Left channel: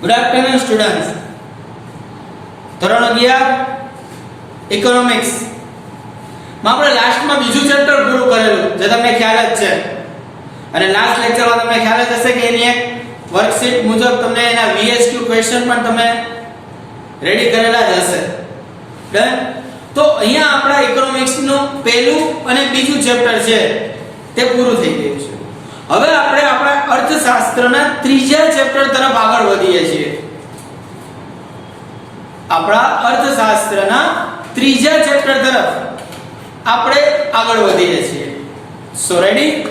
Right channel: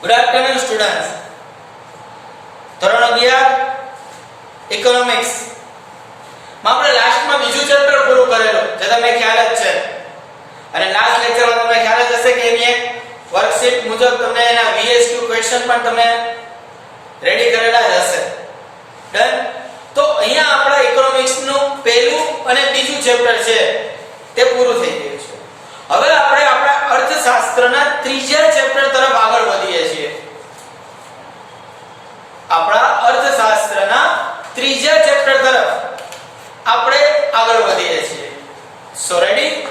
Good afternoon students. ધોરણ 11 economics માં આપણે લાસ્ટમાં બીજું ચેપ્ટર પૂરું કરેલું જે તમને ખ્યાલ જ છે. અને લાસ્ટ લેક્ચરમાં તમને ખ્યાલ જ હશે કે એની એક વર્કશીટ મુજબ તમને એના VSQ ક્વેશ્ચન પણ તમે રેડી કરેલા જ હશે. ડન. તો અહીંયા આપણા ઇકોનોમિક્સ નું પહેલું અને બીજું ચેપ્ટર છે તે પૂરું થઈ ગયું છે. હવે આપણે આપણા અર્થશાસ્ત્રના ત્રીજા ચેપ્ટર તરફ આગળ વધીએ છીએ. આપણા અર્થશાસ્ત્રના ત્રીજા ચેપ્ટર તરફ આપણે આગળ વધીએ છીએ. સો રેડી?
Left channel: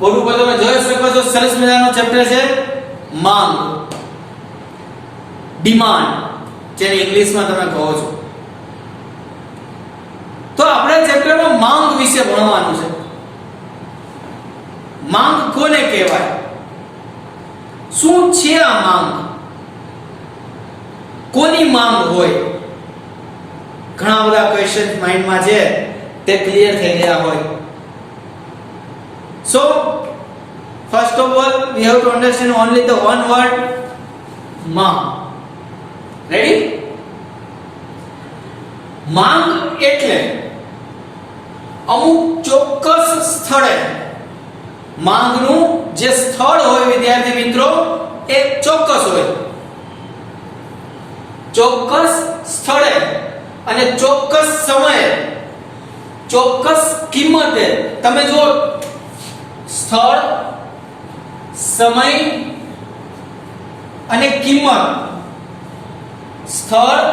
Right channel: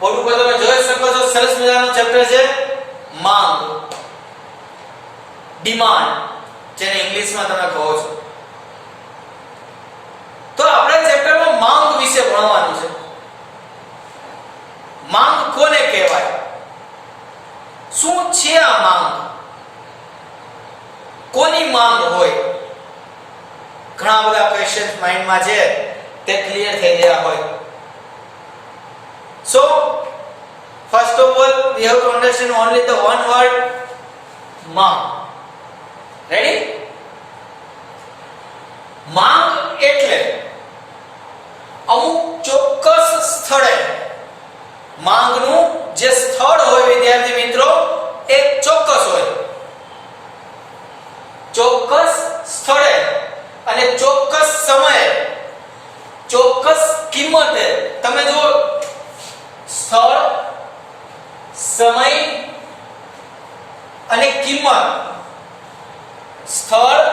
બોર્ડ ઉપર તમે જોઈ શકો છો સરસ મજાનો ચેપ્ટર છે માંગ, ડિમાન્ડ, જેને ઇંગ્લિશમાં તમે કહો છો. તો આપણે ચેપ્ટરમાં માંગ વિશે ભણવાનું છે. માંગ કોને કહેવાય? શું છે આ માંગ? કોની માંગ હોય? ઘણા બધા ક્વેશ્ચન માઇન્ડમાં છે તે ક્લિયર થઈ ગયા હોય. So first of all we have to understand only the one word માંગ. Ready? માંગ એટલે અમુક ચોક્કસ સ્થળે માંગનું જે સ્થળ હોય વિદ્યાર્થી મિત્રો એ ચોક્કસ હોય. ચોક્કસ સ્થળે અને ચોક્કસ સમયે ચોક્કસ કિંમતે, તમે જો સ્થળ, સમય અને કિંમત, સ્થળ,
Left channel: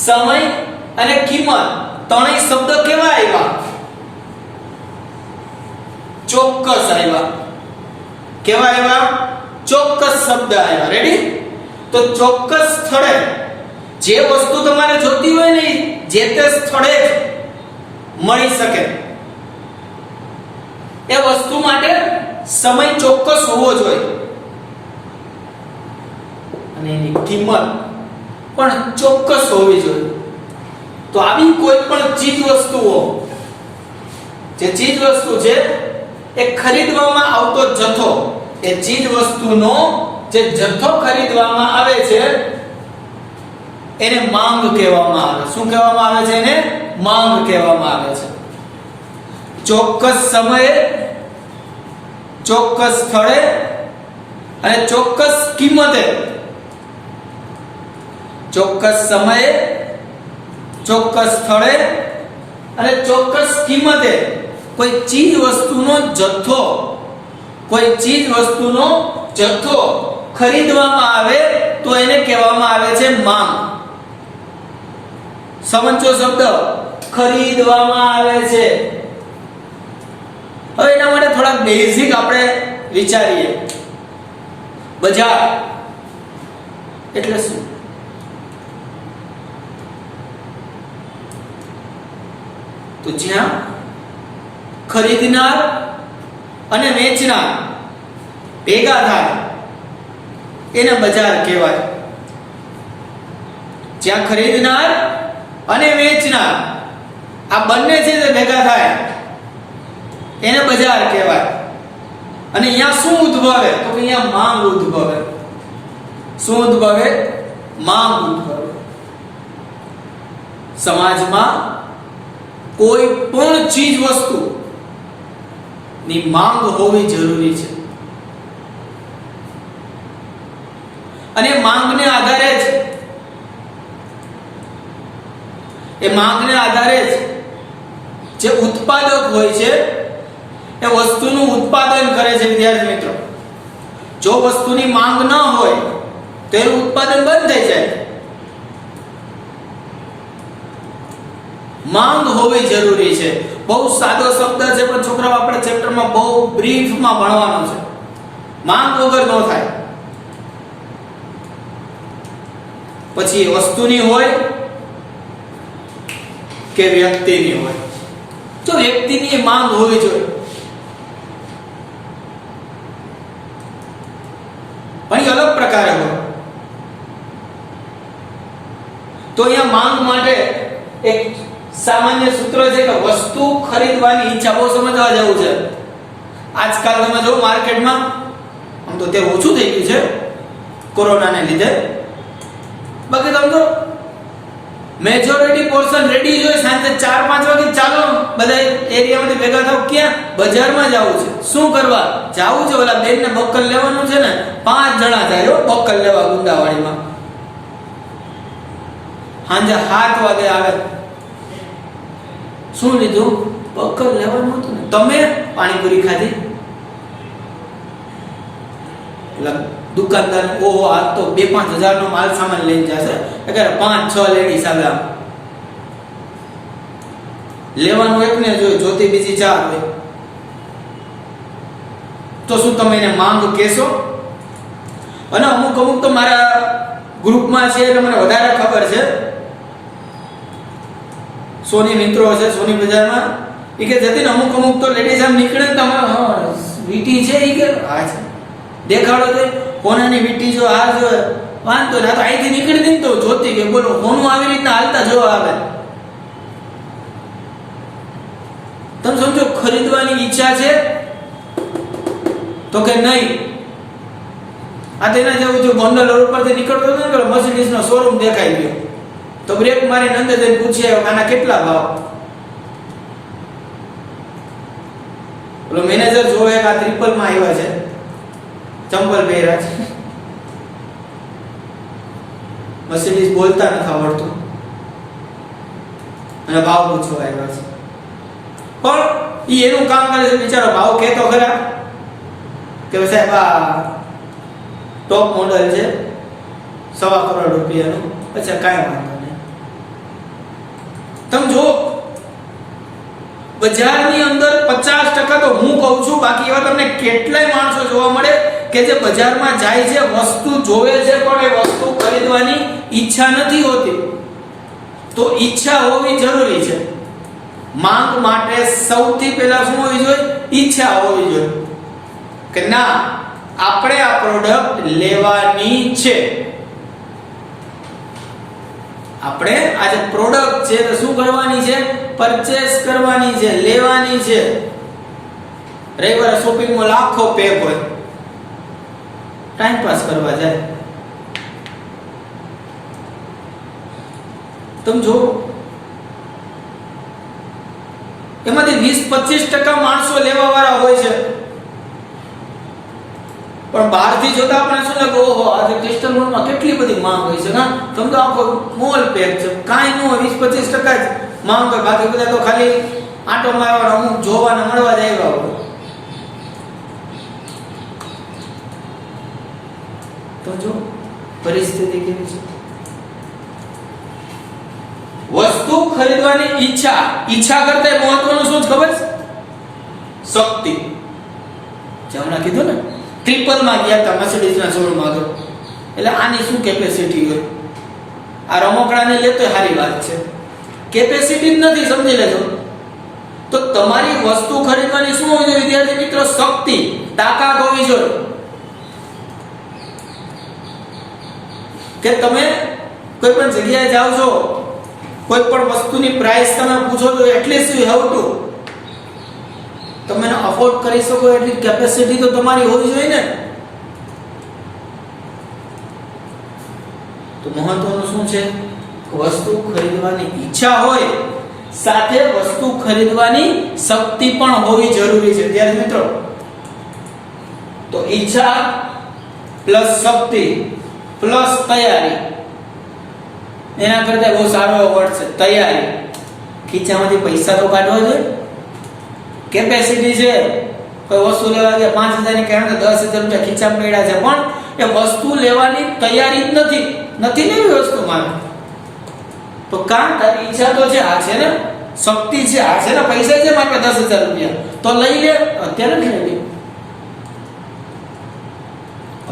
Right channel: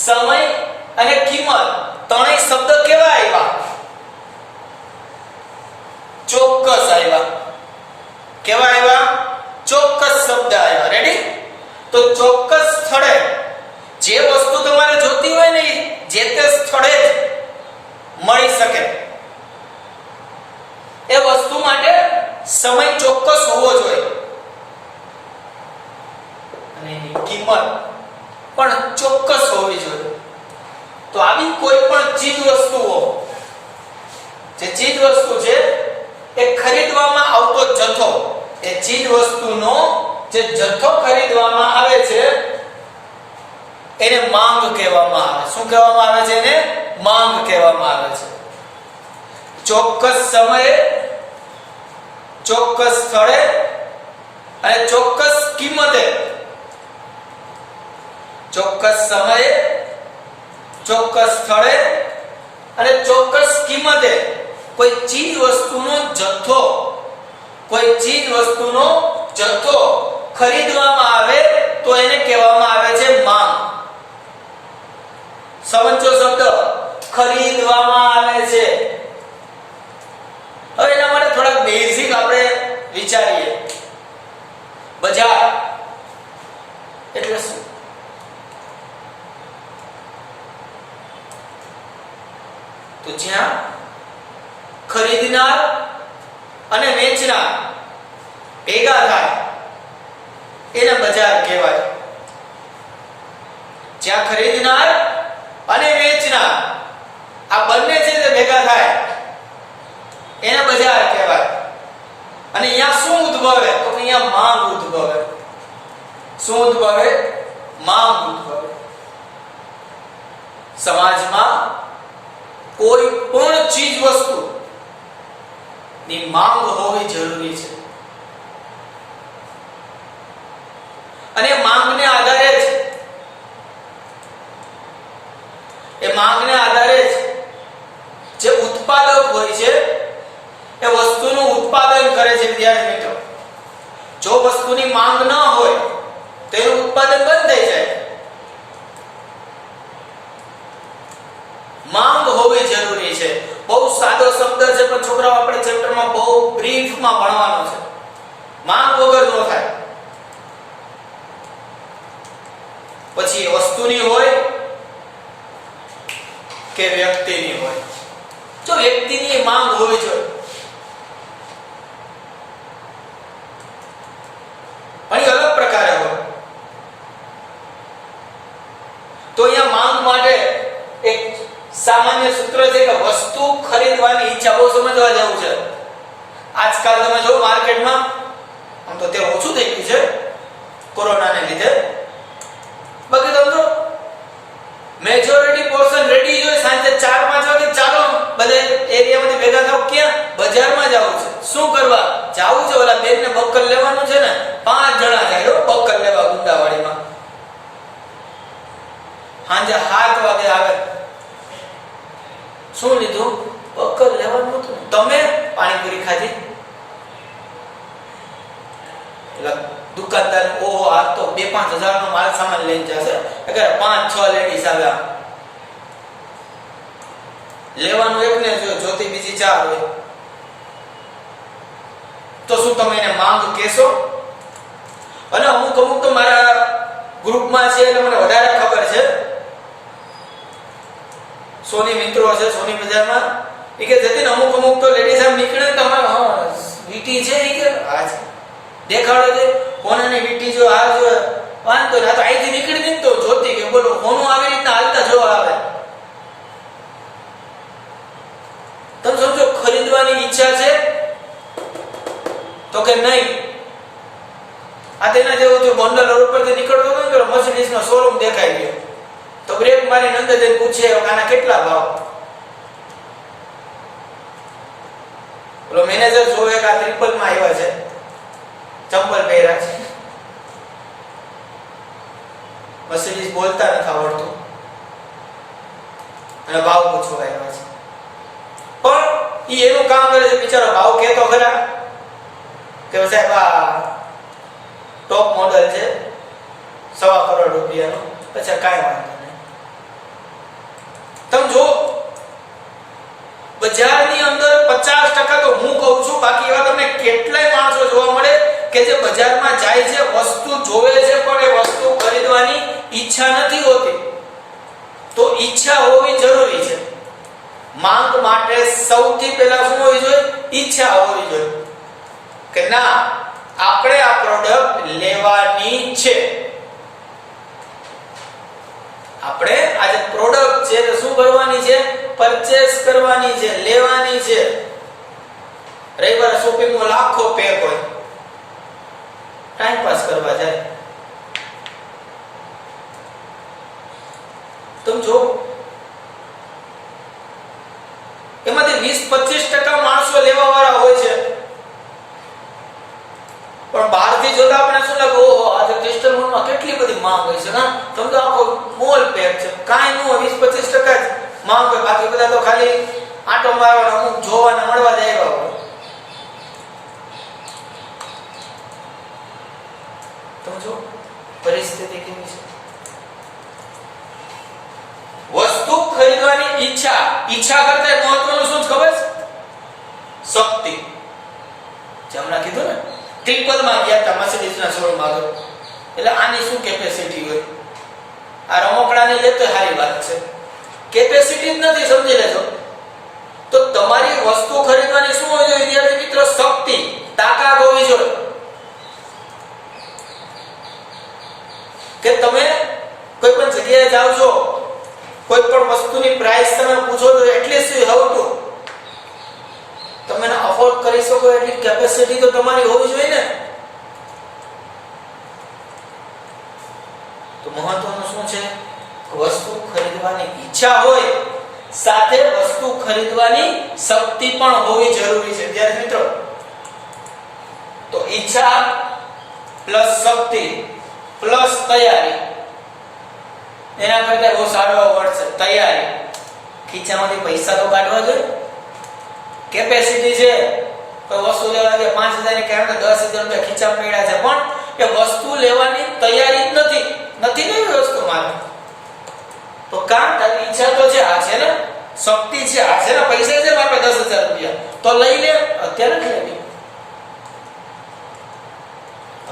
સમય અને કિંમત ત્રણેય શબ્દ કેવા આવ્યા? ચોક્કસ આવ્યા. કેવા આવ્યા? ચોક્કસ શબ્દ આવ્યા. રેડી? તો ચોક્કસ સ્થળે જે વસ્તુ તમારે જોતી હોય ને જે તે સ્થળે જ મળી શકે. એ વસ્તુ માટે સમય ચોક્કસ હોવો જોઈએ અને એની કિંમત પણ ચોક્કસ હોવી જોઈએ. તો આવી કોઈ પણ ચીજ વસ્તુઓ, જે ચીજ વસ્તુ છે એ ખરીદવામાં આવતો જથ્થો, એ ચીજ વસ્તુનો જે જથ્થો ખરીદવામાં આવે છે એને માંગ કહેવામાં આવે. શું કહેવામાં આવે છે? એને માંગ કહેવામાં આવે છે. ચોક્કસ સમયે, ચોક્કસ સ્થળે અને ચોક્કસ કિંમતે, ચોક્કસ સમયે, ચોક્કસ સ્થળે અને ચોક્કસ કિંમતે કોઈ ચીજ વસ્તુનો જથ્થો, કોઈ ચીજ વસ્તુનો જથ્થો ખરીદવામાં આવે તો એને કહેવામાં આવે છે માંગ. સમજો શબ્દ ખરીદવામાં આવે છે. હવે એના માટે થોડા બેઝિક આપણે વિચારીએ. બજાર એટલે શું? તો જ્યાં ખરીદનાર અને વેચનાર ભેગા થાય એને બજાર કહેવાય. જ્યાં ખરીદનાર અને વેચનાર આ બંને છે તે ભેગા થાય એને બજાર કહેવાય. અને અહીંયા શું ઉદ્ભવે? તો અહીંયા માંગ ઉદ્ભવે. શું ઉદ્ભવે? માંગ ઉદ્ભવે. સમાજમાં કોઈ પણ ચીજ વસ્તુ ની માંગ હોવી જરૂરી છે. અને માંગને આધારે જ, એ માંગને આધારે જ જે ઉત્પાદક હોય છે એ વસ્તુનું ઉત્પાદન કરે છે. વિદ્યાર્થી મિત્રો, જો વસ્તુની માંગ ન હોય તો એનું ઉત્પાદન બંધ થઈ જાય. માંગ હોવી જરૂરી છે. બહુ સાદો શબ્દ છે પણ છોકરાઓ આપણે ચેપ્ટરમાં બહુ બ્રીફમાં ભણવાનો છે. માંગ વગર ન થાય. પછી એ વસ્તુની હોય કે વ્યક્તિની હોય. તો વ્યક્તિની માંગ હોવી જોઈએ. પણ એ અલગ પ્રકારે હોય. તો અહીંયા માંગ માટે એક સામાન્ય સૂત્ર છે કે વસ્તુ ખરીદવાની ઈચ્છા. બહુ સમજવા જેવું છે. આજકાલ તમે જો માર્કેટમાં, આમ તો તે ઓછું થઈ ગયું છે કોરોનાને લીધે. બાકી તમે તો મેજોરિટી પોર્શન રેડી જોઈએ. સાંજે 4-5 વાગે ચાલો બધા એરિયામાંથી ભેગા થાવ. ક્યાં? બજારમાં જવું છે. શું કરવા જવું છે? ઓલા બેનને બક્કલ લેવાનું છે ને, 5 જણા જાય બક્કલ લેવા ગુંદાવાડીમાં. સાંજે 7 વાગે આવે. શું લીધું? બક્કલ લેવાનું હતું ને. તમે પાણીપુરી ખાધી. એટલે દુકાનદાર ઓહો આ તો 2-5 હજાર નો માલ સામાન લઈને જશે. અગર 5-6 લેડીઝ આવ્યા લેવાનું એકને જોતી બીજી 4 હોય તો શું તમે એને માંગ કહેશો? અને અમુક તો મારા ગ્રુપમાં છે એટલે મને વધારે ખબર છે. સોની મિત્રો છે સોની બજારમાં, એ કે જતી અમુક તો લેડીઝ આમ નીકળે તમારો હા વીટી છે એ કે હા છે દેખાડો છે કોનાની વીટી જો આ જો વાંધો ના તો અહીંથી નીકળી દે તો જોતી કે બોલો કોનું આવી રીતના હાલતા જોવા આવે. તમે સમજો ખરીદવાની ઈચ્છા છે તો કે નહીં. આ તેના જેવું જો ગોંડલ રોડ પરથી નીકળતો હતો ને તો મર્સિડીઝ નો શોરૂમ દેખાઈ ગયો તો બ્રેક મારી અંદર જઈને પૂછે આના કેટલા ભાવ. બોલો મેનેજર જોવે કે આ ટ્રિપલ માં આવ્યા છે, ચંપલ પહેર્યા છે, મર્સિડીઝ બોલતા નથી આવડતું અને ભાવ પૂછવા આવ્યા છે. પણ ઈ એનું કામ કરે છે બિચારો. ભાવ કહેતો ખરા કે સાહેબ આ ટોપ મોડલ છે ₹1.25 કરોડનું. પછી કાંઈ વાંધો નહીં. તમે જો બજારની અંદર 50% તો હું કહું છું, બાકી એવા તમને કેટલાય માણસો જોવા મળે કે જે બજારમાં જાય છે, વસ્તુ જોવે છે પણ એ વસ્તુ ખરીદવાની ઈચ્છા નથી હોતી. તો ઈચ્છા હોવી જરૂરી છે. માંગ માટે સૌથી પહેલા શું હોવી જોઈએ? ઈચ્છા હોવી જોઈએ કે ના આપણે આ પ્રોડક્ટ લેવાની છે. આપણે આ જે પ્રોડક્ટ છે તો શું કરવાની છે? પરચેસ કરવાની છે, લેવાની છે. રવિવારે શોપિંગમાં લાખો પેક હોય, ટાઈમ પાસ કરવા જાય. તમે જો એમાંથી 20-25% માણસો લેવા વાળા હોય છે. પણ બહારથી જોતા આપણે શું લાગે ઓહો આજે ક્રિસ્ટલ મોલમાં કેટલી બધી માંગ હોય છે. હા તમે તો આખો મોલ પેક છે. કાંઈ ન હોય 20-25% જ માંગ હોય, બાકી બધા તો ખાલી આંટો મારવાનો અમુક જોવાના મળવા જ આવ્યા હોય. સમજો પરિસ્થિતિ કેવી છે. વસ્તુ ખરીદવાની ઈચ્છા કરતા મહત્વનું શું ખબર છે? શક્તિ. જે હમણાં કીધું ને ટ્રિપલ માં ગયા હતા મર્સિડીઝ ના શોરૂમ માં આગળ, એટલે આની શું કેપેસિટી હોય? આ રમકડાને લેતો સારી વાત છે, કેપેસિટી જ નથી. સમજી લેજો. તો તમારી વસ્તુ ખરીદવાની શું હોવી જોઈએ વિદ્યાર્થી મિત્રો? શક્તિ, તાકાત હોવી જોઈએ. કે તમે કોઈ પણ જગ્યાએ જાવ છો, કોઈ પણ વસ્તુની પ્રાઇસ તમે પૂછો તો એટલીસ્ટ યુ હેવ ટુ તમે અફોર્ડ કરી શકો એટલી કેપેસિટી તો તમારી હોવી જોઈએ ને. તો મહત્વનું શું છે? વસ્તુ ખરીદવાની ઈચ્છા હોય સાથે વસ્તુ ખરીદવાની શક્તિ પણ હોવી જરૂરી છે વિદ્યાર્થી મિત્રો. તો ઈચ્છા પ્લસ શક્તિ પ્લસ તૈયારી, એના કરતા બહુ સારો વર્ડ છે તૈયારી. ખીચામાંથી પૈસા તો કાઢવા જોઈએ. કેપેસિટી છે, કોઈ વસ્તુ લેવા ગયા 5000 ની કારણ કે 10000 રૂપિયા ખીચામાં પડ્યા છે, પણ એ વસ્તુ લેવાની તૈયારી જ નથી ને વસ્તુ મારે. તો કામ તારી ઈચ્છા તો છે, આ છે ને શક્તિ છે, આ છે ને પૈસા છે મારે 10000 રૂપિયા, તો લઈ લે. અત્યારે નથી લેવી,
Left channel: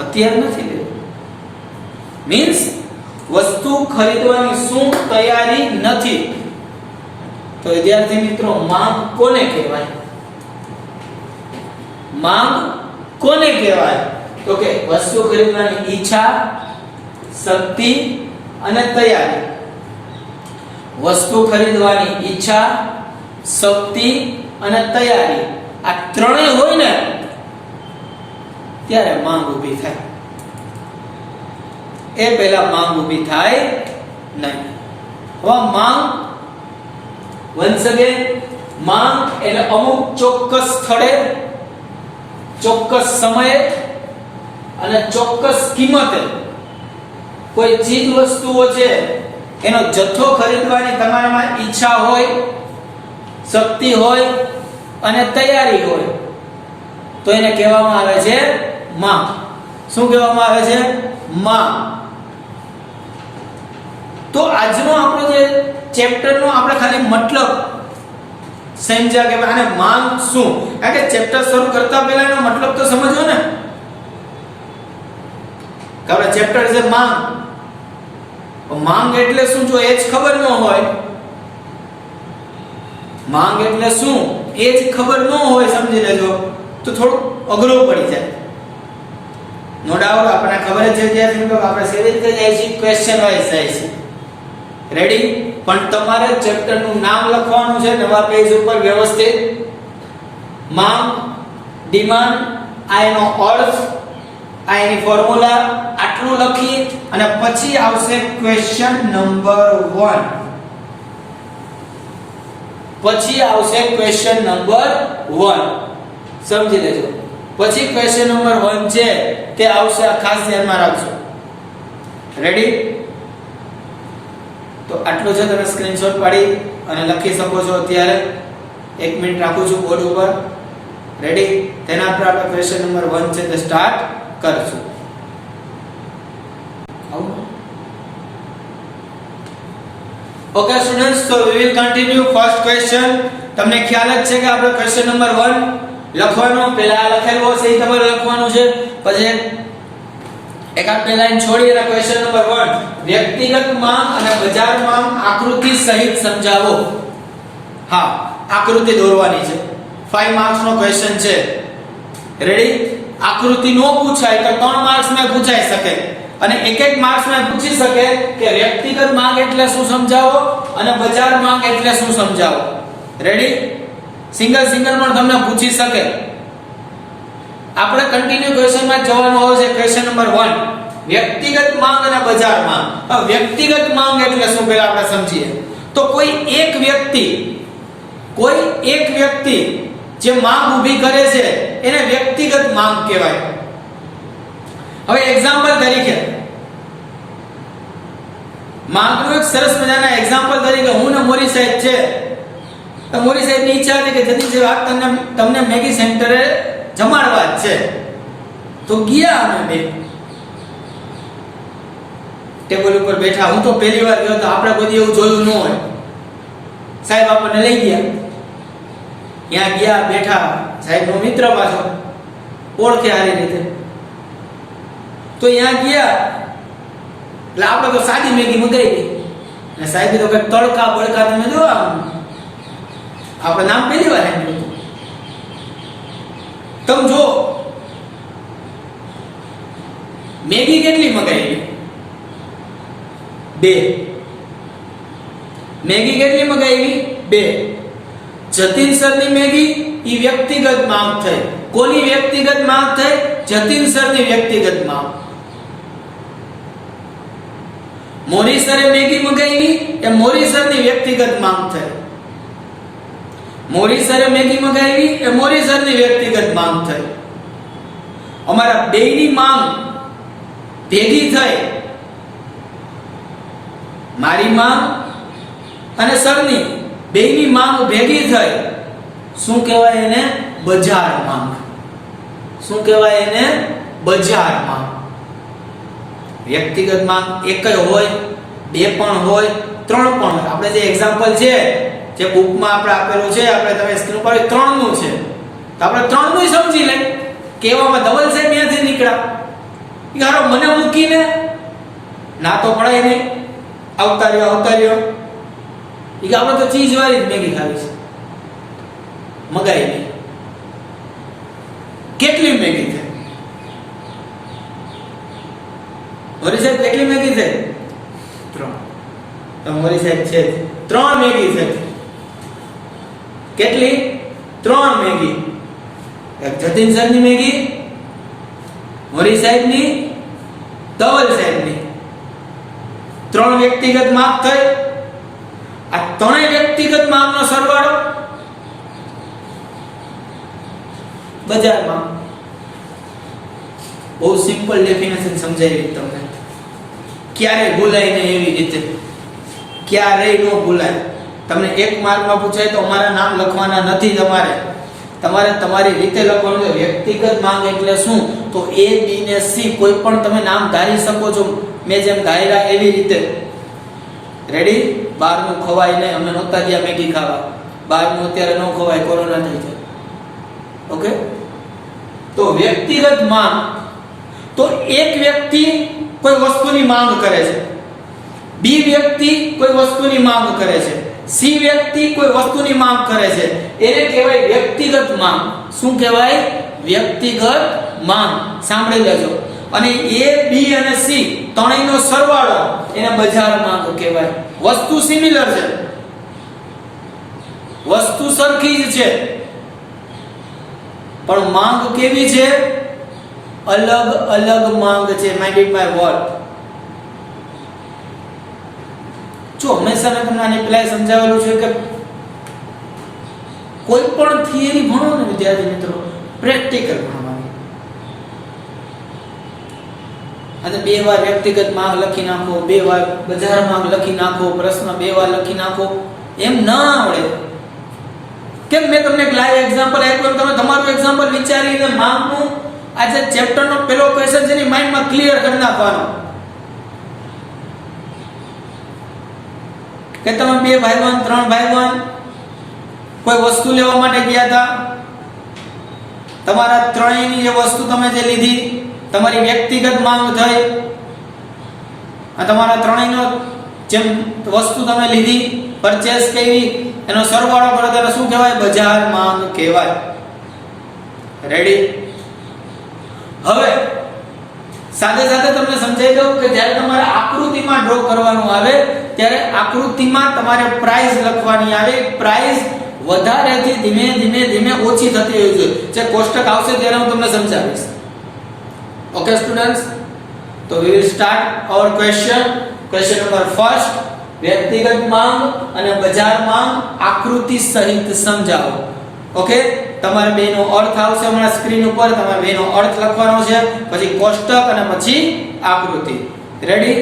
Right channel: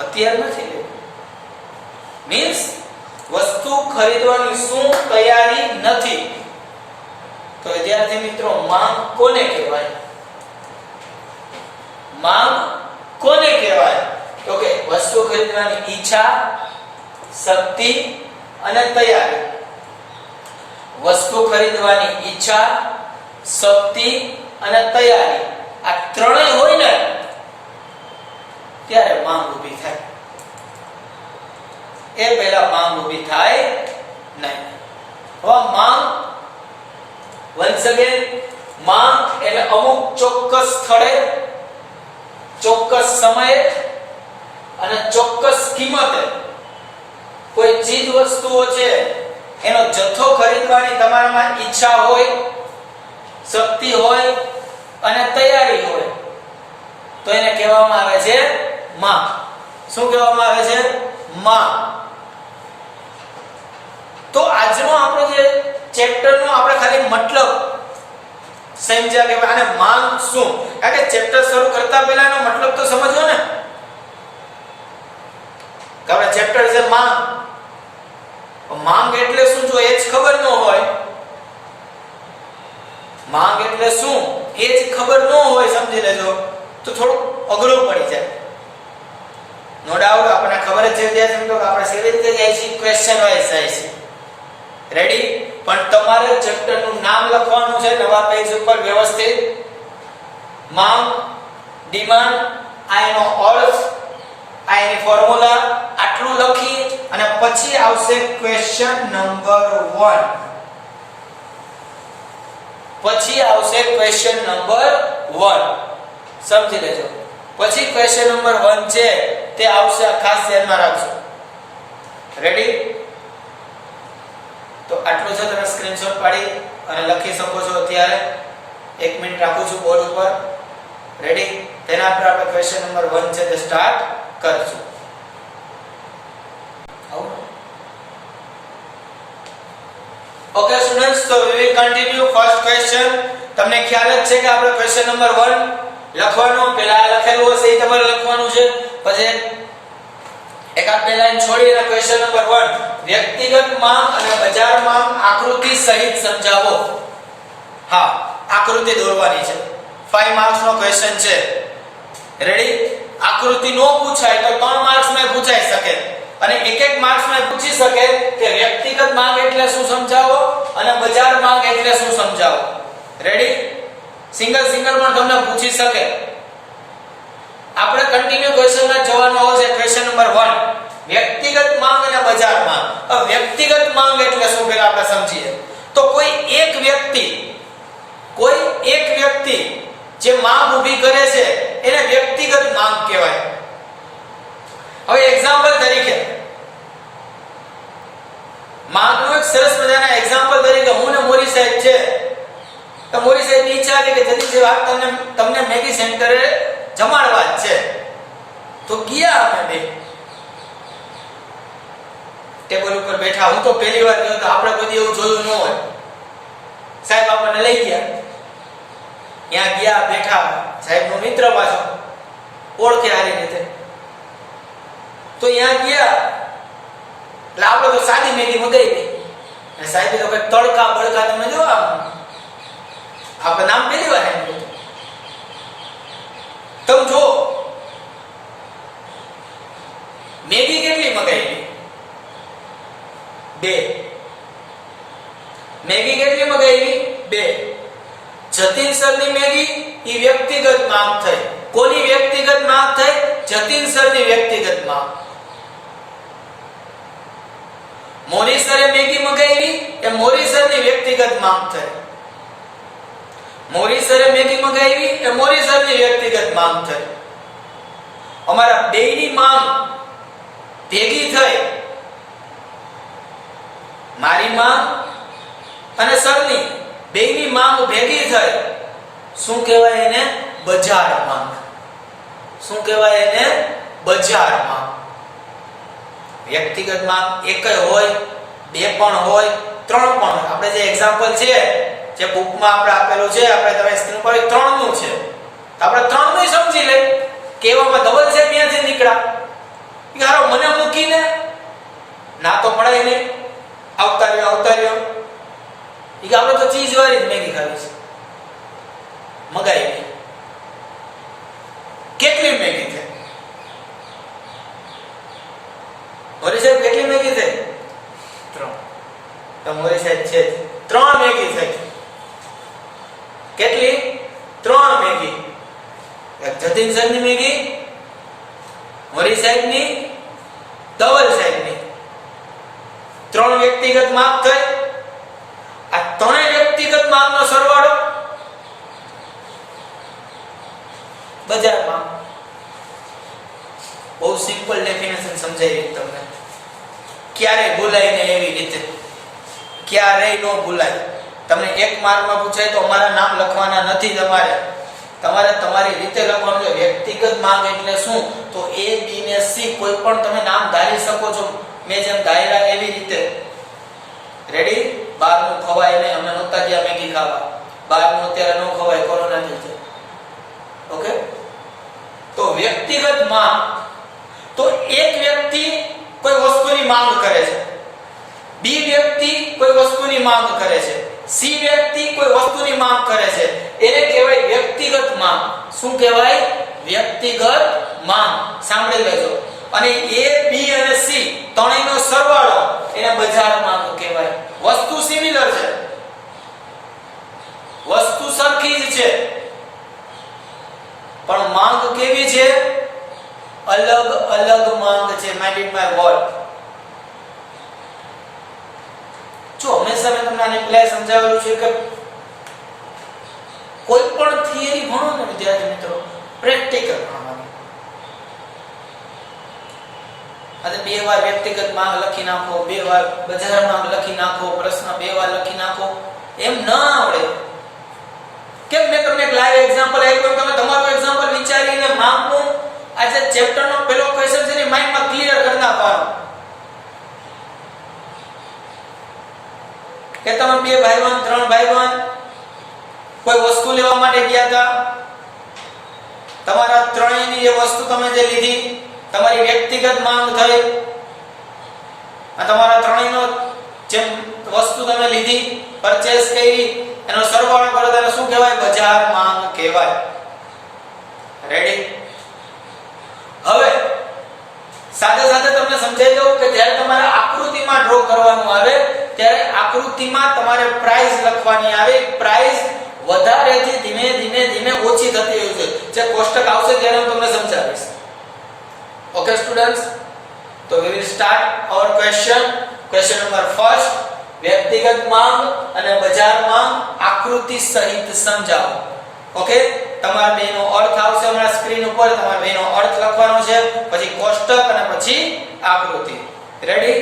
અત્યારે નથી લેવી. મીન્સ વસ્તુ ખરીદવાની શું તૈયારી નથી. તો વિદ્યાર્થી મિત્રો માંગ કોને કહેવાય? માંગ કોને કહેવાય? તો કે વસ્તુ ખરીદવાની ઈચ્છા, શક્તિ અને તૈયારી. વસ્તુ ખરીદવાની ઈચ્છા, શક્તિ અને તૈયારી, આ ત્રણેય હોય ને ત્યારે માંગ ઊભી થાય. એ પહેલા માંગ ઊભી થાય નહીં. હવે માંગ once again માંગ એટલે અમુક ચોક્કસ સ્થળે ચોક્કસ સમયે અને ચોક્કસ કિંમતે કોઈ ચીજ વસ્તુઓ છે એનો જથ્થો ખરીદવાની તમારામાં ઈચ્છા હોય, શક્તિ હોય અને તૈયારી હોય તો એને કહેવામાં આવે છે માંગ. શું કહેવામાં આવે છે? માંગ. તો આજનો આપણો જે ચેપ્ટરનો આપણે ખાલી મતલબ સમજ્યા કે આને માંગ શું, કારણ કે ચેપ્ટર શરૂ કરતા પહેલા એનો મતલબ તો સમજવો ને. કે આપણે ચેપ્ટર છે માંગ, માંગ એટલે શું જો એ જ ખબર ન હોય, માંગ એટલે શું એ જ ખબર ન હોય, સમજી લેજો તો થોડું અઘરું પડી જાય. નો ડાઉટ આપણને ખબર જ છે વિદ્યાર્થી મિત્રો કે આપણે સેવી રીતે જાય છે, ક્વેશ્ચન વાઇઝ જાય છે. રેડી? પણ તમારે ચેપ્ટર નું નામ લખવાનું છે નવા પેજ ઉપર વ્યવસ્થિત. માંગ, ડિમાન્ડ, આ એનો અર્થ, આ એની ફોર્મ્યુલા, આટલું લખી અને પછી આવશે ક્વેશ્ચન નંબર 1. પછી આવશે ક્વેશ્ચન નંબર 1. સમજી લેજો. પછી ક્વેશ્ચન નંબર 1 છે તે આવશે, આ ખાસ ધ્યાનમાં રાખજો. રેડી? તો આટલું છે, તમે સ્ક્રીનશોટ પાડી અને લખી શકો છો. અત્યારે 1 મિનિટ રાખું છું બોર્ડ ઉપર. રેડી? તેના પર આપણે ક્વેશ્ચન નંબર 1 છે તે સ્ટાર્ટ કરશું. Okay students, so we will continue first question. તમને ખ્યાલ જ છે કે આપણે ક્વેશ્ચન નંબર 1 લખવાનું, પહેલા લખેલું હશે એ તમારે લખવાનું છે. પછી એકાદ બે લાઈન છોડી અને ક્વેશ્ચન નંબર 1 વ્યક્તિગત માંગ અને બજાર માંગ આકૃતિ સહિત સમજાવો. હા, આકૃતિ દોરવાની છે. 5 માર્ક્સ નો ક્વેશ્ચન છે. રેડી? આકૃતિ નો પૂછાય તો 3 માર્ક્સ માં પૂછાઈ શકે અને 1 માર્ક્સ માં પૂછી શકે કે વ્યક્તિગત માંગ એટલે શું સમજાવો અને બજાર માંગ એટલે શું સમજાવો. રેડી? સિંગલ પણ તમને પૂછી શકે. આપણે કન્ટિન્યુ ક્વેશ્ચન માં જવાનું આવશે. ક્વેશ્ચન નંબર 1 વ્યક્તિગત માંગ અને બજાર માંગ. વ્યક્તિગત માંગ એટલે શું પહેલા આપણે સમજીએ. તો કોઈ એક વ્યક્તિ જે માંગ ઊભી કરે છે એને વ્યક્તિગત માંગ કહેવાય. હવે એક્ઝામ્પલ તરીકે માંગનું એક સરસ મજાના એક્ઝામ્પલ તરીકે હું ને મોરી સાહેબ છે, તો મોરી સાહેબની ઈચ્છા હતી કે જલ્દી વાત તમને મેગી સેન્ટરે જમાડવા જ છે. તો ગયા અમે બે ટેબલ ઉપર બેઠા. હું તો પહેલી વાર ગયો તો આપણે બધી એવું જોયું ન હોય. સાહેબ આપણને લઈ ગયા, ત્યાં ગયા બેઠા. સાહેબનો મિત્ર પાછો ઓળખે સારી રીતે. તો ત્યાં ગયા એટલે આપણે તો સાદી મેગી મંગાવી અને સાહેબે તો કઈ તડકા બળકા તમે જો આપણે નામ પહેલી વાર સાંભળ્યું. તમે જો મેગી કેટલી મંગાવી? 2. મેગી કેટલી મંગાવી? 2. જતીન સરની મેગી ઈ વ્યક્તિગત માંગ થઈ. કોની વ્યક્તિગત માંગ થઈ? જતીન સરની વ્યક્તિગત માંગ. મોરી સરે મેગી મંગાવી એ મોરી સરની વ્યક્તિગત માંગ થઈ. મોરી સરે મેગી મંગાવી એ મોરી સરની વ્યક્તિગત માંગ થઈ. અમારા બેયની માંગ ભેગી થઈ. મારી માંગ અને સરની બેયની માંગ ભેગી થઈ. શું કહેવાય એને? બજાર માંગ. શું કહેવાય એને? બજાર માંગ. વ્યક્તિગત માંગ એક હોય, 2 પણ હોય, 3 પણ હોય. આપણે જે એક્ઝામ્પલ છે જે બુકમાં આપણે આપેલું છે, આપણે તમે સ્ક્રીન પર 3 નું છે, તો આપણે 3 નું સમજી લઈ. કેવામાં ધવલ સાહેબ ત્યાંથી નીકળ્યા, યાર મને મૂકીને ના તો પડાય નહીં, આવતા રહ્યો. ઈ કે આપણે તો ચીઝ વાળી જ મેગી ખાવી છે, મગાવી. કેટલી મેગી છે? મોરી સાહેબ કેટલી મેગી છે? 3. તો મોરી સાહેબ છે 3 મેગી છે. કેટલી? 3 મેગી. એક જતીન સરની મેગી, મોરી સાહેબની, ધવલ સાહેબની. ત્રણ વ્યક્તિગત માંગ થઈ. આ ત્રણેય વ્યક્તિગત માંગનો સરવાળો બજાર માંગ. બહુ સિમ્પલ ડેફિનેશન સમજાવી તમને, ક્યારે ભૂલાય ને એવી રીતે, ક્યારેય ન ભૂલાય. તમને એક માર્કમાં પૂછાય તો અમારા નામ લખવાના નથી, તમારે તમારી રીતે લખવાનું છે. વ્યક્તિગત માંગ એટલે શું? તો A, B ને C કોઈ પણ તમે નામ ધારી શકો છો, મેં જેમ ધાર્યા એવી રીતે. રેડી? બહારનું ખવાય નહીં, અમે નહોતા ગયા મેગી ખાવા, બહારનું અત્યારે ન ખવાય, કોરોના થઈ જાય. ઓકે? તો વ્યક્તિગત માંગ, તો એક વ્યક્તિ કોઈ વસ્તુની માંગ કરે છે, B વ્યક્તિ કોઈ વસ્તુની માંગ કરે છે, C વ્યક્તિ કોઈ વસ્તુની માંગ કરે છે, એને કહેવાય વ્યક્તિગત માંગ. શું કહેવાય? વ્યક્તિગત માંગ. સાંભળી લેજો. અને A, B અને C ત્રણેયનો સરવાળો એને બજાર માંગ કહેવાય. વસ્તુ સિમિલર છે, વસ્તુ સરખી જ છે, પણ માંગ કેવી છે? અલગ અલગ માંગ છે. Mind it my word. જો હંમેશા મેં તમને આને પહેલા સમજાવેલું છે કે કોઈ પણ થિયરી ભણો ને વિદ્યાર્થી મિત્રો, પ્રેક્ટિકલ ભણવાની. આજે 2 વાર વ્યક્તિગત માંગ લખી નાખો, 2 વાર બજાર માંગ લખી નાખો, પ્રશ્ન 2 વાર લખી નાખો, એમ ન આવડે. કેમ? મેં તમને એક લાઈવ એક્ઝામ્પલ આપ્યું, તમે તમારું એક્ઝામ્પલ વિચારીને માંગનું આજે ચેપ્ટરનો પહેલો ક્વેશ્ચન છે ને માઇન્ડમાં ક્લિયર કરી નાખવાનો. કે તમે 2 ભાઈવાન 3 ભાઈવાન કોઈ વસ્તુ લેવા માટે ગયા હતા, તમારા ત્રણેયની એ વસ્તુ તમે જે લીધી, તમારી વ્યક્તિગત માંગ થઈ. આ તમારા ત્રણેયનો જેમ વસ્તુ તમે લીધી, પરચેસ કરી, એનો સરવાળો કરો તો શું કહેવાય? બજાર માંગ કહેવાય. રેડી? હવે સાથે સાથે તમને સમજાઈ દઉં કે જ્યારે તમારે આકૃતિમાં ડ્રો કરવાનું આવે ત્યારે આકૃતિમાં તમારે પ્રાઇસ લખવાની આવે. પ્રાઇસ વધારેથી ધીમે ધીમે ધીમે ઓછી થતી હોય છે. જે કોષ્ટક આવશે ત્યારે હું તમને સમજાવીશ. ઓકે સ્ટુડન્ટ્સ, તો we will start our question number 1. વ્યક્તિગત માંગ અને બજાર માંગ આકૃતિ સહિત સમજાવો. ઓકે? તમારે બેનો અર્થ આવશે હમણાં સ્ક્રીન ઉપર, તમારે બેનો અર્થ લખવાનો છે, પછી કોષ્ટક અને પછી આકૃતિ. રેડી?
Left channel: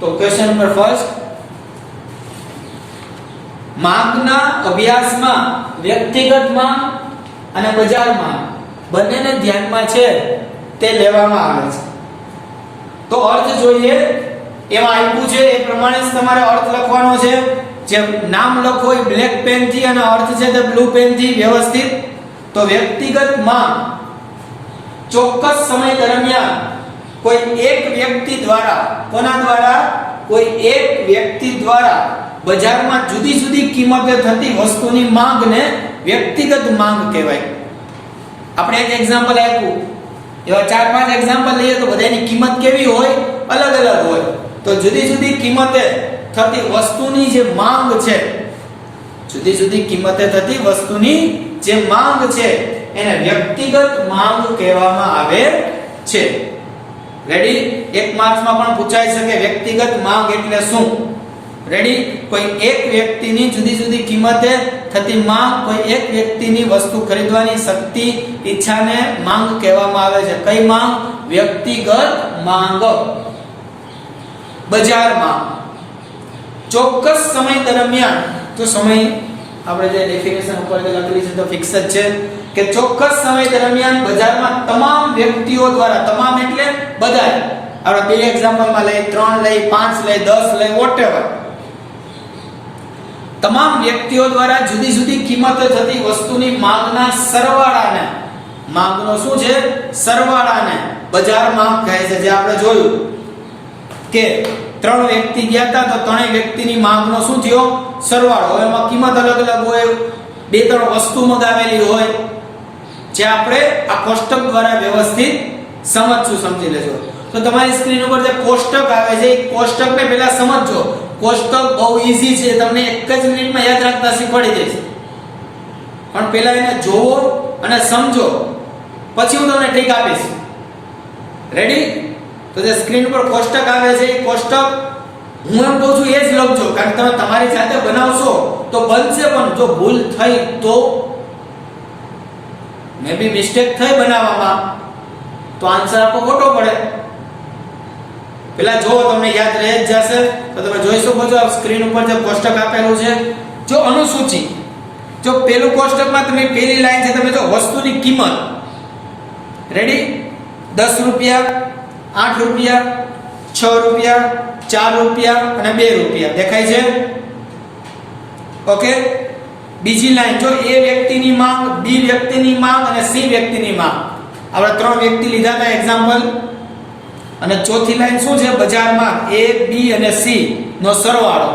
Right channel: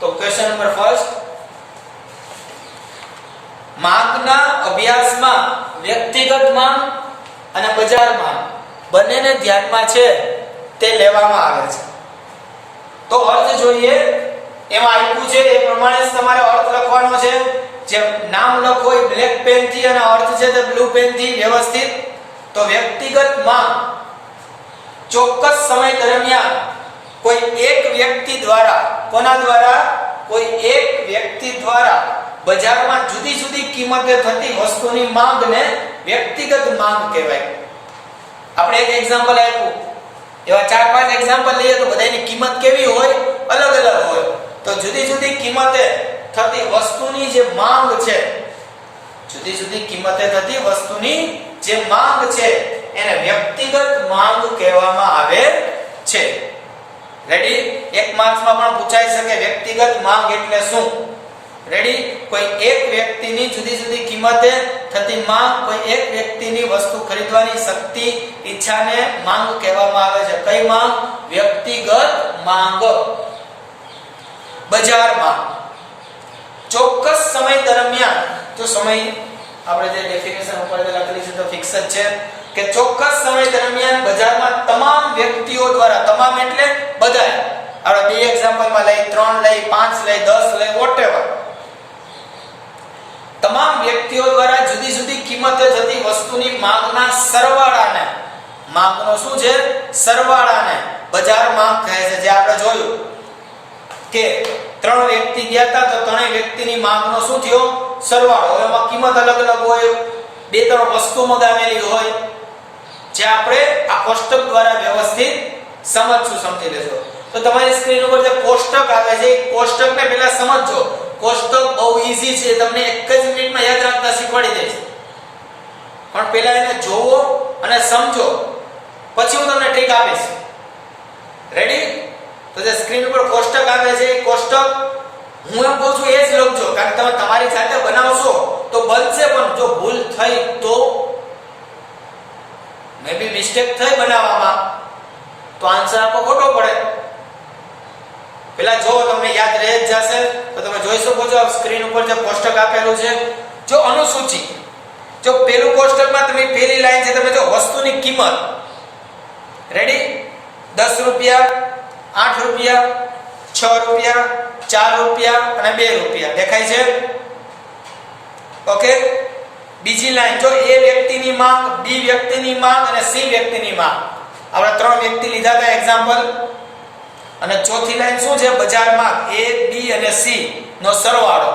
તો ક્વેશ્ચન નંબર 1, માંગના અભ્યાસમાં વ્યક્તિગત માંગ અને બજાર માંગ બંનેને ધ્યાનમાં છે તે લેવામાં આવે છે. તો અર્થ જોઈએ, એમાં આપ્યું છે એ પ્રમાણે જ તમારે અર્થ લખવાનો છે. જે નામ લખો એ બ્લેક પેન થી અને અર્થ છે તે બ્લુ પેન થી વ્યવસ્થિત. તો વ્યક્તિગત માંગ ચોક્કસ સમય દરમિયાન કોઈ એક વ્યક્તિ દ્વારા, કોના દ્વારા? કોઈ એક વ્યક્તિ દ્વારા બજારમાં જુદી જુદી કિંમતે થતી વસ્તુની માંગને વ્યક્તિગત માંગ કહેવાય. આપણે એક એક્ઝામ્પલ આપ્યું, એવા 4-5 એક્ઝામ્પલ લઈએ તો બધાની કિંમત કેવી હોય? અલગ અલગ હોય. તો જુદી જુદી કિંમતે થતી વસ્તુની જે માંગ છે, જુદી જુદી કિંમતે થતી વસ્તુની જે માંગ છે એને વ્યક્તિગત માંગ કહેવામાં આવે છે. રેડી? 1 માર્ક્સમાં પણ પૂછાઈ શકે વ્યક્તિગત માંગ એટલે શું. રેડી? કોઈ એક વ્યક્તિની જુદી જુદી કિંમતે થતી માંગ, કોઈ એક વ્યક્તિની વસ્તુ ખરીદવાની શક્તિ, ઈચ્છાને માંગ કહેવામાં આવે છે. કઈ માંગ? વ્યક્તિગત માંગ. બજાર માંગ ચોક્કસ સમય દરમિયાન, તો સમય આપણે જે ડેફિનેશન ઉપર લખેલી છે તો ફિક્સ જ છે કે ચોક્કસ સમય દરમિયાન બજારમાં તમામ વ્યક્તિઓ દ્વારા, તમામ એટલે બધા, આપણે બે એક્ઝામ્પલમાં લઈ, 3 લઈ, 5 લઈ, 10 લઈ, વોટેવર, તમામ વ્યક્તિઓ દ્વારા જુદી જુદી કિંમતે થતી વસ્તુની માંગના સરવાળાને, માંગનો શું છે? સરવાળાને બજાર માંગ કહે છે. જે આપણે જોયું કે 3 વ્યક્તિ ગયા હતા તો 3 વ્યક્તિની માંગનો શું થયો? સરવાળો. હવે એમાં કિંમત અલગ અલગ હોય, 2-3 વસ્તુ મગાવેલી હોય, જે આપણે આ કોષ્ટક દ્વારા વ્યવસ્થિત સમજશું. સમજી લેજો. તો તમારી સ્ક્રીન ઉપર જે કોષ્ટક આવે છે એ કોષ્ટકને પહેલા સમજજો. કોષ્ટક બહુ ઈઝી છે, તમને એક જ મિનિટમાં યાદ રાખતા શીખવાડી દઈશ, પણ પહેલા એને જોવો અને સમજો, પછી હું તમને ટ્રીક આપીશ. રેડી? તો જે સ્ક્રીન ઉપર કોષ્ટક આવે છે એ કોષ્ટક હું એમ કહું છું એ જ લખજો, કારણ કે તમે તમારી જાતે બનાવશો તો બનશે, પણ જો ભૂલ થઈ તો મે બી મિસ્ટેક થઈ બનાવવામાં તો આન્સર આપો ખોટો પડે. પેલા જો તમને યાદ રહે જ જશે તો તમે જોઈ શકો છો સ્ક્રીન ઉપર જે કોષ્ટક આપેલું છે, જો અનુસૂચિ, જો પેલું કોષ્ટકમાં તમે પેલી લાઈન છે, તમે જો વસ્તુની કિંમત, રેડી, 10 રૂપિયા, 8 રૂપિયા, 6 રૂપિયા, 4 રૂપિયા અને 2 રૂપિયા દેખાય છે. ઓકે, બીજી લાઈન જો એ વ્યક્તિની માંગ, બી વ્યક્તિની માંગ અને સી વ્યક્તિની માંગ, આપણે 3 વ્યક્તિ લીધા હતા એક્ઝામ્પલ. અને ચોથી લાઈન શું છે? બજાર માંગ, એ બી અને સી નો સરવાળો.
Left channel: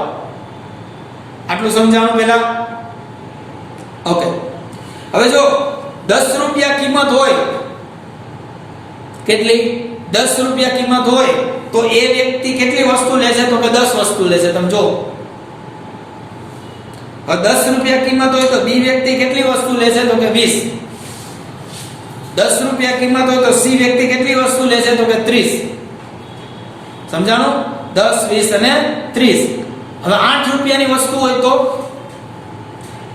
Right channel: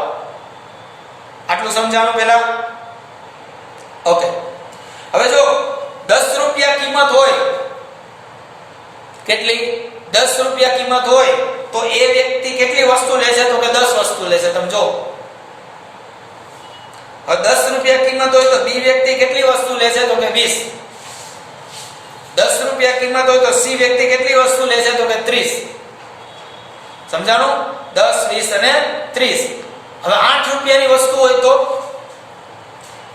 આટલું સમજાવવાનું પહેલા. ઓકે, હવે જો 10 રૂપિયા કિંમત હોય, કેટલી? 10 રૂપિયા કિંમત હોય તો એ વ્યક્તિ કેટલી વસ્તુ લેશે? તો કે 10 વસ્તુ લેશે. તમે જો, હવે 10 રૂપિયા કિંમત હોય તો બી વ્યક્તિ કેટલી વસ્તુ લેશે? તો કે 20. 10 રૂપિયા કિંમત હોય તો સી વ્યક્તિ કેટલી વસ્તુ લેશે? તો કે 30. સમજાણું? 10, 20 અને 30. હવે 8 રૂપિયાની વસ્તુ હોય તો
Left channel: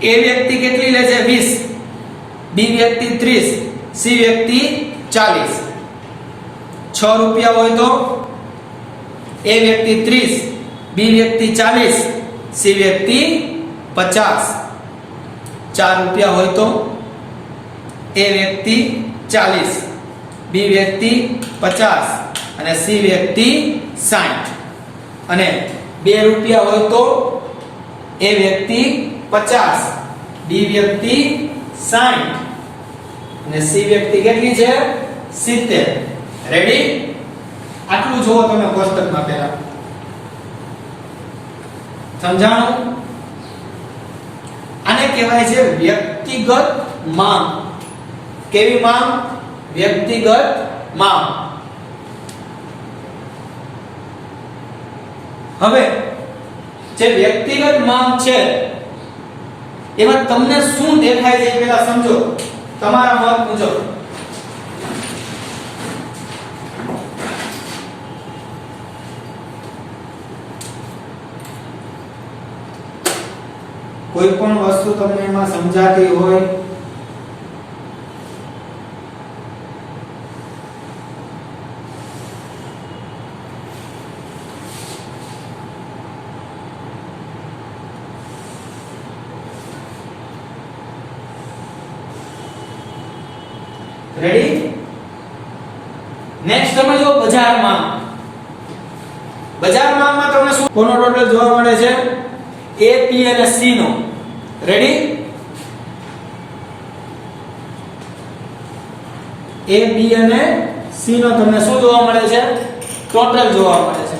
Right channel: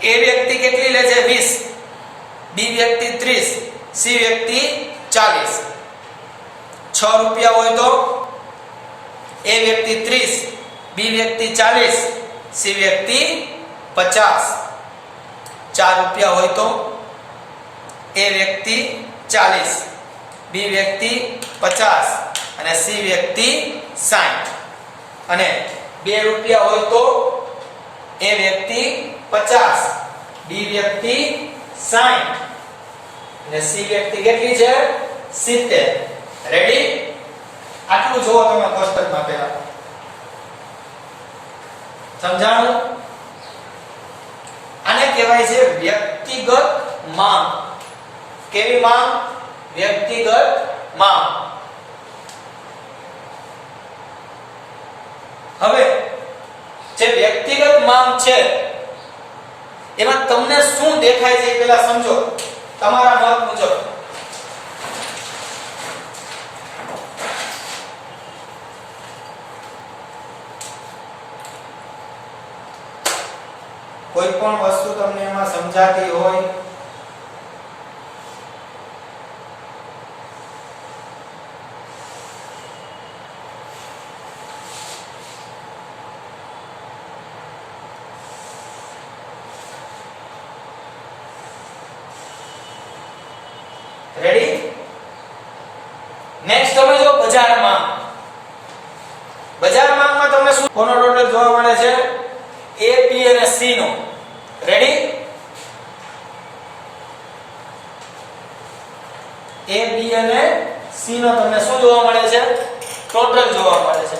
એ વ્યક્તિ કેટલી લેશે? 20, બી વ્યક્તિ 30, સી વ્યક્તિ 40. 6 રૂપિયા હોય તો એ વ્યક્તિ 30, બી વ્યક્તિ 40, સી વ્યક્તિ 50. 4 રૂપિયા હોય તો એ વ્યક્તિ 40, બી વ્યક્તિ 50 અને સી વ્યક્તિ 60. અને 2 રૂપિયા હોય તો એ વ્યક્તિ 50, બી વ્યક્તિ 60 અને સી વ્યક્તિ કેટલી છે? 70. રેડી? આટલું જોવો તમે કોષ્ટકમાં પહેલા. સમજાણું? આને કહેવાય છે વ્યક્તિગત માંગ. કેવી માંગ? વ્યક્તિગત માંગ. હવે જે વ્યક્તિગત માંગ છે એમાં તમને શું દેખાય છે એ પહેલા સમજો, તમારા મત મુજબ. કોઈ પણ વસ્તુ તમને એમાં સમજાતી હોય રેડી? નેક્સ્ટ તમે જો બજારમાં. બજારમાં તમને શું કોનો ટોટલ જોવા મળે છે? એ, પી અને સી નો. રેડી? એ, બી અને સી નો તમને શું જોવા મળે છે? ટોટલ જોવા મળે છે.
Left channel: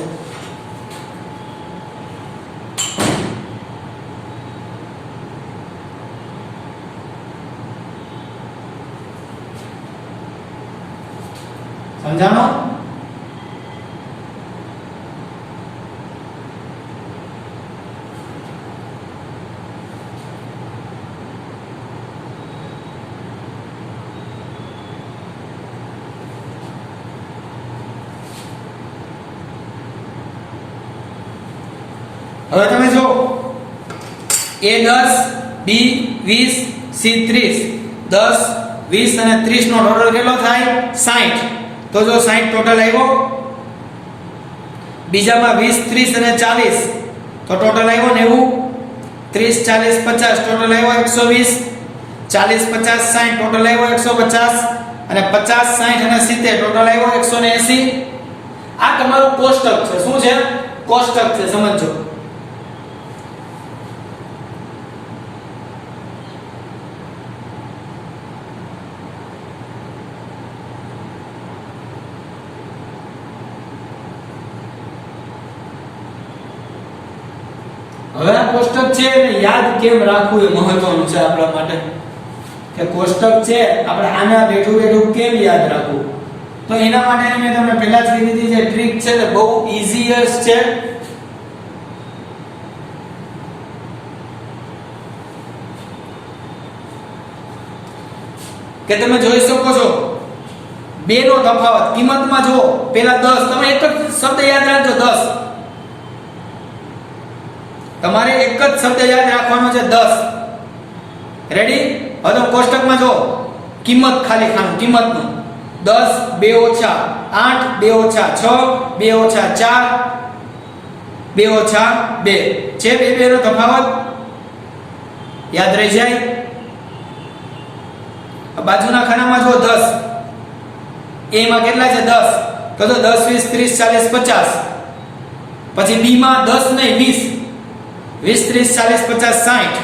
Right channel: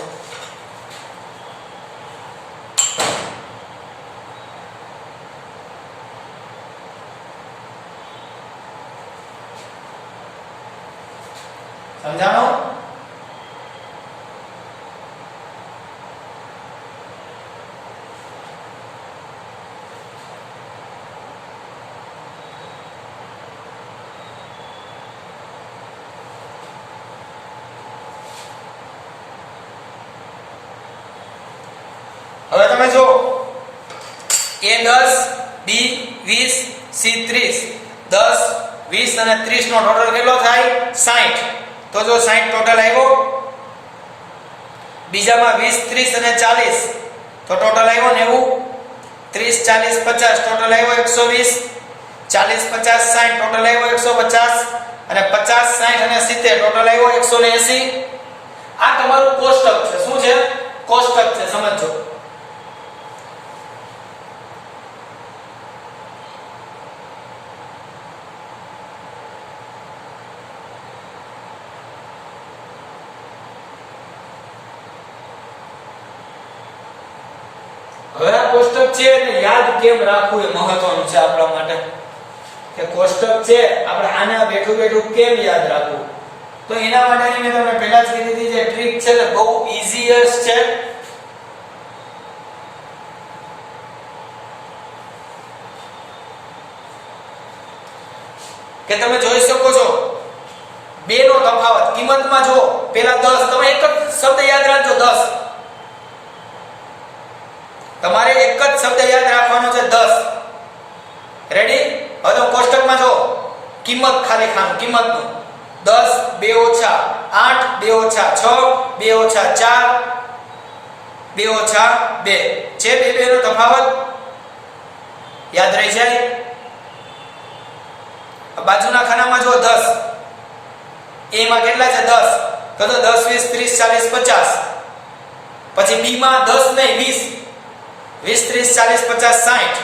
સમજાણો? હવે તમે જો એ 10, બી 20, સી 30. 10, 20 અને 30 નો ટોટલ કેટલો થાય? 60. તો જો 60 ટોટલ આવ્યો. બીજામાં 20, 30 અને 40 તો ટોટલ આવ્યો 90. 30, 40, 50 ટોટલ આવ્યો 120. 40, 50, 60 ટોટલ આવ્યો 150 અને 50, 60 અને 70 ટોટલ આવ્યો 180. આ તમારું કોષ્ટક છે. શું છે? કોષ્ટક છે. સમજો. હવે આ કોષ્ટક છે એને યાદ કેમ રાખવું એ મહત્વનું છે આપણા માટે, કે કોષ્ટક છે આપણે આને બેઠું બેઠું કેમ યાદ રાખવું. તો એના માટે મેં તમને પહેલા જ કીધી હતી જે ટ્રીક છે ને બહુ ઈઝીએસ્ટ છે. કે તમે જોઈ શકો છો બે નો તફાવત કિંમતમાં જુઓ. પહેલા 10, તમે એક જ શબ્દ યાદ રાખજો 10. તમારે એક જ શબ્દ યાદ રાખવાનો છે 10. રેડી? હવે તો કોષ્ટકમાં જો કિંમત ખાલી ખાનું કિંમતનું 10 2 ઓછા 8 2 ઓછા 6 2 ઓછા 4 2 ઓછા 2 છે. બે નો તફાવત યાદ રહી જાય. બાજુના ખાનામાં જો 10 એ માં કેટલા છે 10 તો 10 20 30 40 50. પછી બી માં 10 નહીં 20 20 30 40 50 60.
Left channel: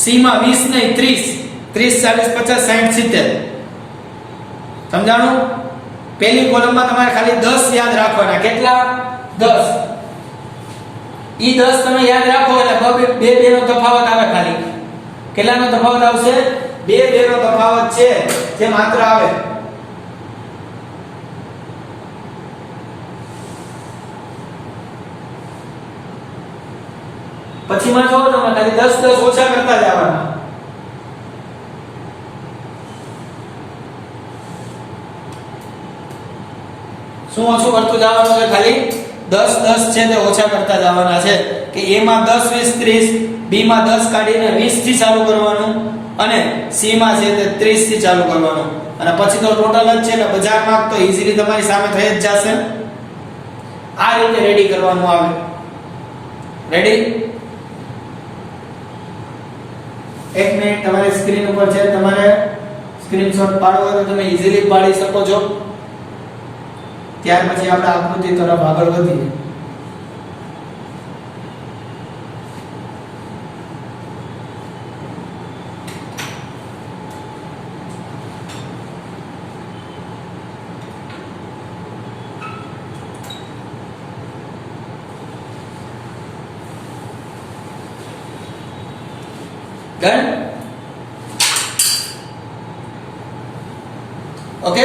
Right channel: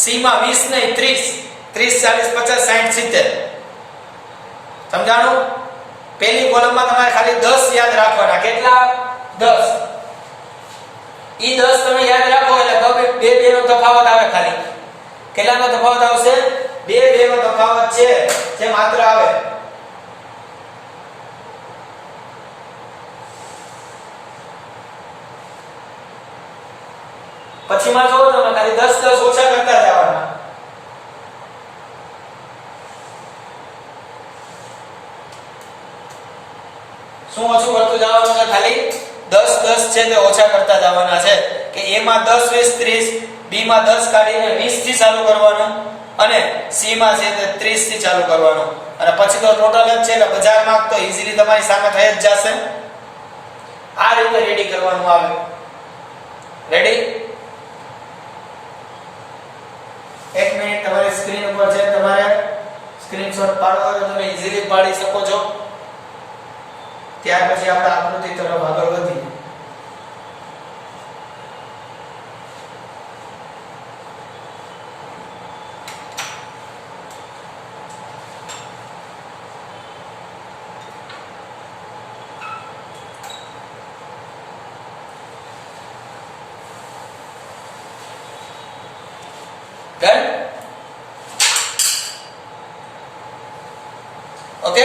સી માં 20 નહીં 30 30 40 50 60 70. સમજાણું? પહેલી કોલમમાં તમારે ખાલી 10 યાદ રાખવાના. કેટલા? 10. ઈ 10 તમે યાદ રાખો એટલે બે નો તફાવત આવે. ખાલી કેટલાનો તફાવત આવશે? બે નો તફાવત છે જે માત્ર આવે. પછીમાં જો તમે ખાલી 10 10 ઓછા કરતા જવાના. શું ઓછું કરતું જવાનું છે? ખાલી 10 10 છે તે ઓછા કરતા જવાના છે. કે એ માં 10 20 30, બી માં 10 કાઢીને 20 થી ચાલુ કરવાનું અને સી માં છે તે 30 થી ચાલુ કરવાનું. અને પછી તો ટોટલ જ છે એટલે બજાર માર્ક તો ઈઝીલી તમારી સામે થઈ જ જશે. આ રીતે રેડી કરવાનું આવે. રેડી? એક મિનિટ તમારી સ્ક્રીન ઉપર છે, તમારે સ્ક્રીનશોટ પાડવો હોય તો તમે ઈઝીલી પાડી શકો છો. ત્યાર પછી આપણે આકૃતિ તરફ આગળ વધીએ. ડન? ઓકે,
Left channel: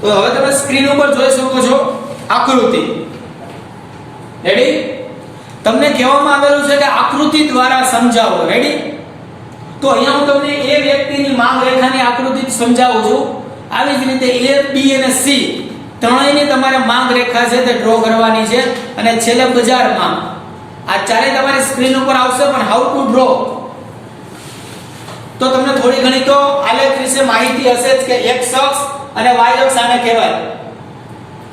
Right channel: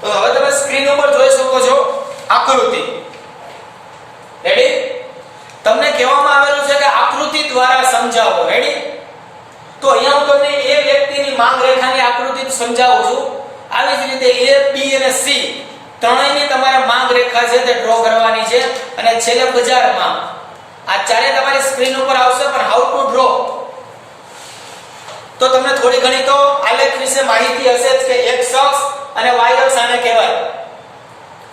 તો હવે તમે સ્ક્રીન ઉપર જોઈ શકો છો આકૃતિ. રેડી? તમને કહેવામાં આવેલું છે કે આકૃતિ દ્વારા સમજાવો. રેડી? તો અહીંયા હું તમને એ વ્યક્તિની માંગ રેખાની આકૃતિ સમજાવું છું. આવી જ રીતે A, B અને C ત્રણેયની તમારે માંગ રેખા છે તે ડ્રો કરવાની છે. અને છેલ્લે બજારમાં આ ચારે તમારી સ્ક્રીન ઉપર આવશે. પણ હાઉ ટુ ડ્રો તો તમને થોડી ઘણી તો આલેખ વિશે માહિતી હશે જ કે x અક્ષ અને y અક્ષ આને કહેવાય.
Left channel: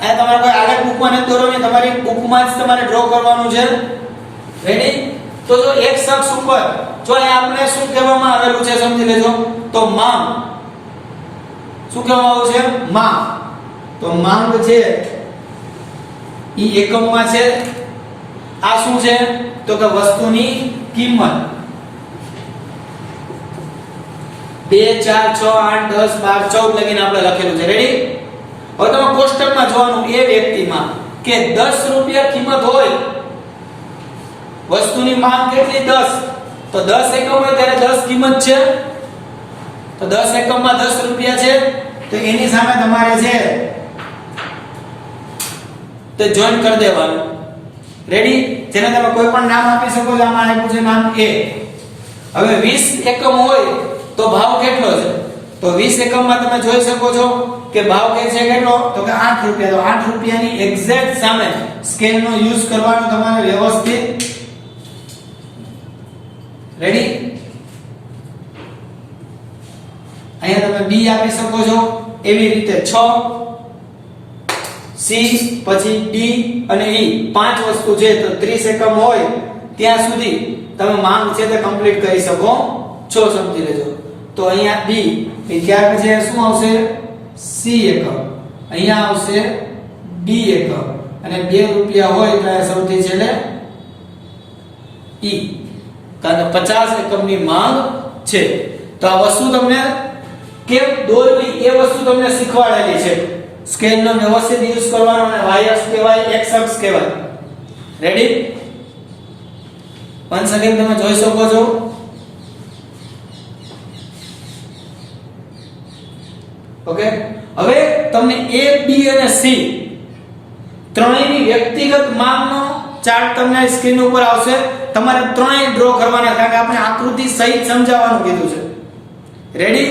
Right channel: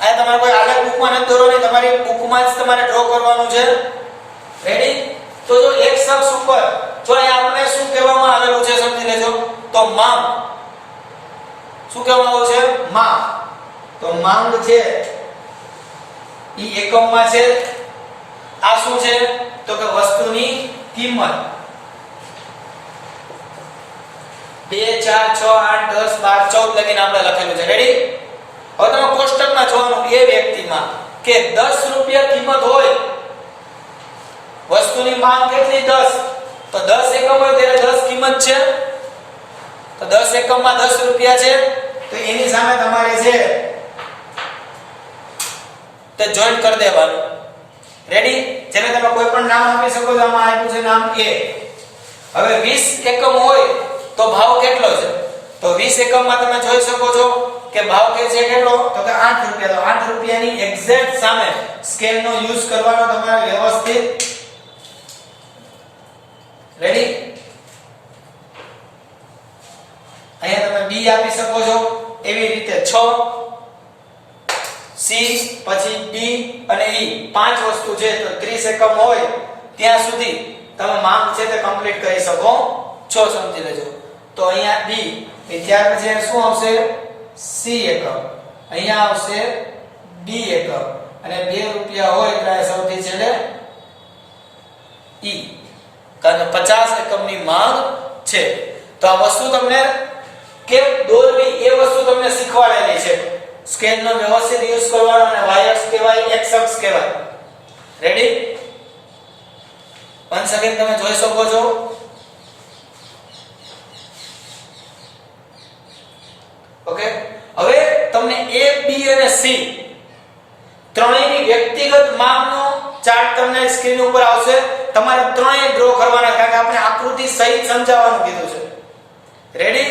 આ તમારે કોઈ આલેખ બુકમાં નથી દોરવાનો, તમારી બુકમાં જ તમારે ડ્રો કરવાનું છે. રેડી? તો જો x અક્ષ ઉપર જો આપણે શું કહેવામાં આવેલું છે સમજી લેજો. તો માંગ શું કહેવામાં આવ્યું છે? માંગ. તો માંગ છે ઈ એકમમાં છે. આ શું છે? તો કે વસ્તુની કિંમત. 2 4 6 8 10 12 14 લગીને આપણે લખેલું છે. રેડી? હવે તમે કોષ્ટકમાં જોવાનું એ વ્યક્તિમાં કે 10 રૂપિયા કિંમત હોય, વસ્તુની માંગ કેટલી? 10. તો 10 એકમ હોય ત્યારે 10 કિંમત છે. તો 10 એકમમાં 10 રૂપિયા છે. તો એની સામે તમારે છે તે જોઈન્ટ કરી દેવાનું. રેડી? જેને તમે કોઈ પણ નામ આપી શકો છો. આમાં આપ્યું છે નામ A. હવે 20 એકમ હોય તો ભાવ કેટલો છે? તો 20 એકમમાં તમે જોઈ શકો છો કે ભાવ કે છે કેટલો? તો કે 8 રૂપિયા. તો 8 રૂપિયાની એક્ઝેક્ટ સામે સ્કેલનો યુઝ કરવાનો તમારે વ્યવસ્થિત. રેડી? અહીંયા તમે B આપી શકો છો. એવી રીતે 6 C પછી D અને E પાંચ વસ્તુ છે. તો 30 એકમ હોય ત્યાં સુધી તમે માંગ છે તે કમ્પ્લીટ કરી શકો છો. સમજી લેજો. તો અહીંયા B ત્યાર પછી શું આવશે? C એકમ. અહીંયા આવશે D એકમ. અને 2 રૂપિયા હોય એટલે સૌથી છેલ્લે E. કારણ કે 50 એકમની માંગ છે. તો આ વસ્તુ તમને કેમ દોરવી એ વસ્તુ તમને શીખવાડેલી છે. સ્કેલનો વ્યવસ્થિત યુઝ કરવાનો અને y અક્ષ કહેવાય, x અક્ષ કહેવાય. રેડી? once again તમે જોઈ શકો છો. ઓકે, હવે તમને A, B અને C ત્રણેયની વ્યક્તિગત માંગનો ચાર્ટ તમને સ્ક્રીન ઉપર આવશે. તમારે ત્રણેય ડ્રો કરવાના, કારણ કે આપણે આકૃતિ સહિત સમજાવવાનું કીધું છે. રેડી?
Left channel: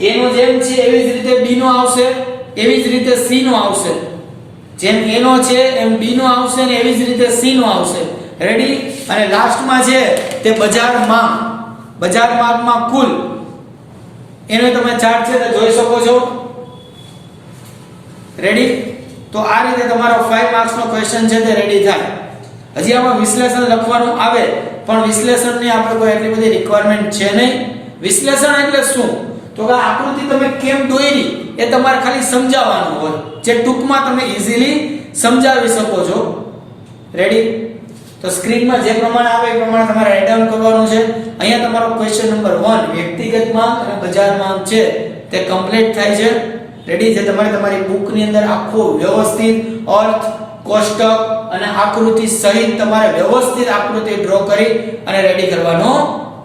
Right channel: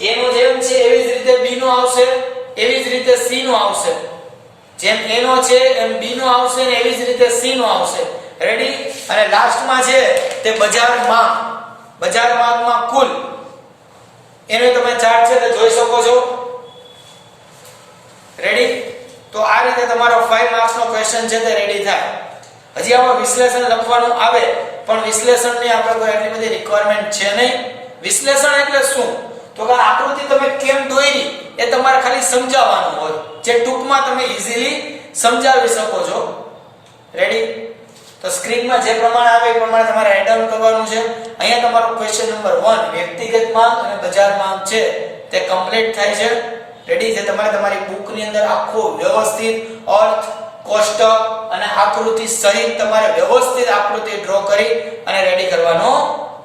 A નો જેમ છે એવી જ રીતે B નો આવશે, એવી જ રીતે C નો આવશે. જેમ A નો છે એમ B નો આવશે ને એવી જ રીતે C નો આવશે. રેડી? અને લાસ્ટમાં છે તે બજાર માંગમાં કુલ એનો તમે ચાર્ટ છે તો જોઈ શકો છો. રેડી? તો આ રીતે તમારો 5 માર્ક્સ નો ક્વેશ્ચન છે તે રેડી થાય. હજી આમાં વિશ્લેષણ લખવાનું આવે પણ વિશ્લેષણની આપણે કોઈ એટલી બધી રિક્વાયરમેન્ટ છે નહીં. વિશ્લેષણ એટલે શું? તો કે આકૃતિ તમે કેમ દોરી એ તમારે ખાલી સમજાવવાનું હોય, જે ટૂંકમાં તમે ઈઝીલી સમજાવી શકો છો. રેડી? તો સ્ક્રીનમાં જે પ્રમાણે આવે એ પ્રમાણે તમારે રાઈટ ડાઉન કરવાનું છે. અહીંયા તમારો ક્વેશ્ચન નંબર 1 વ્યક્તિગત માંગ અને બજાર માંગ છે તે કમ્પ્લીટ થાય છે. રેડી છે? તમારે તમારી બુકની અંદર આખો વ્યવસ્થિત અર્થ, કોષ્ટક અને આકૃતિ સહિત તમારે વ્યવસ્થિત આકૃતિ ડ્રો કરી અને રેડી કરવાનો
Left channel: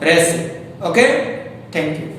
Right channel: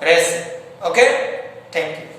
રહેશે. Okay, thank you.